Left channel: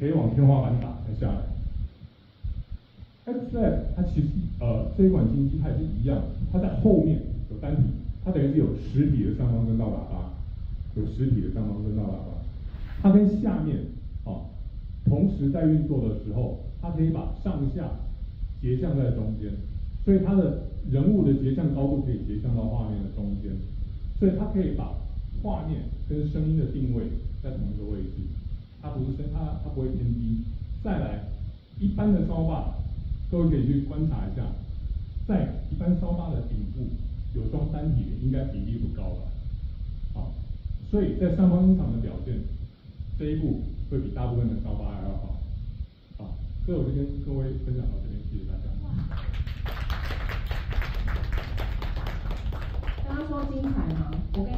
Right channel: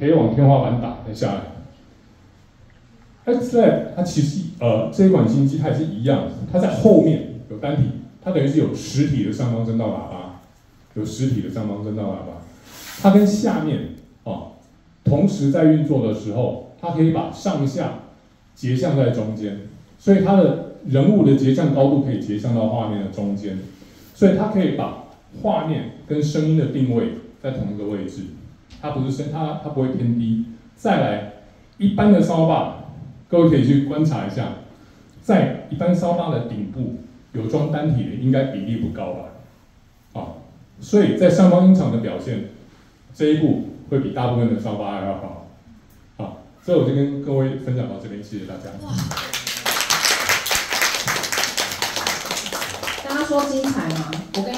可以往天花板打再下来。XLab 它其实这一款新机它也是一样，它在后面有单体，它等于是有实体的上方声道喇叭，有实体的上方声道喇叭，它跟下面同时在运作的时候，它可以把上下截向在中间，所以它的人物的截向高度可以截向到画面的中间，所以它可以把画面跟声音的定位在同一个位置，它不是它不会偏低。再来，一般的烧把，各位可以去观察一下，在一般烧把的顶部有装单体的，应该比例不高吧？所以在上方音场的表现，这一步会比大部分的烧把还要好。所以我就跟各位分享到这边，谢谢大家。大家说精彩吗？我跟